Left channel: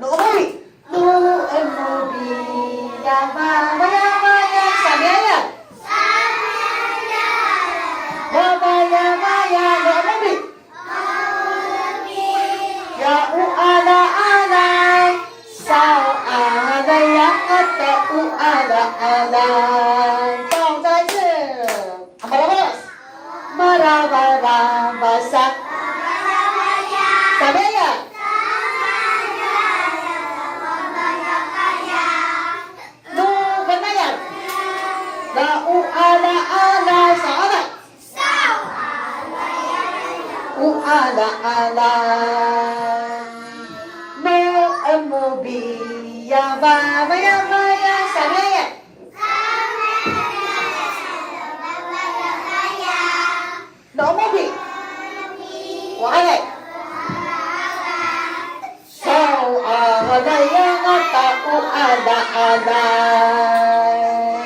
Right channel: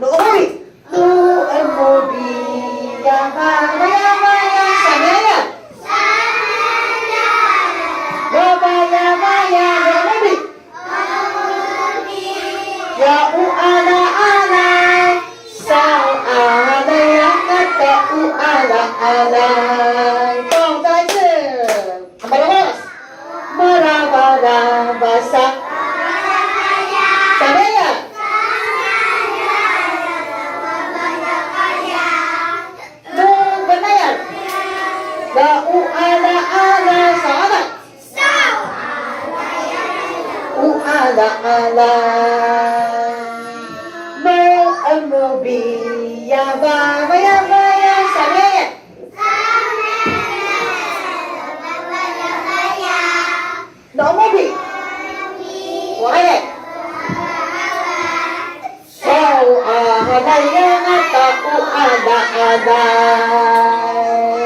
Nooy! Nooy! Yaba, maya, maya. Samaya. Yaba, yaba, ya. Nooy! Ya uala ala. Sao alay ang ate uala alay. 好，再一次。Malakas. Marabasa. Samaya. No, ganaya. La uala ala sana. Uala ala. No amobi yaba yaba ya samaya. No amobi. Wala. Sao alay ang ate uala alay.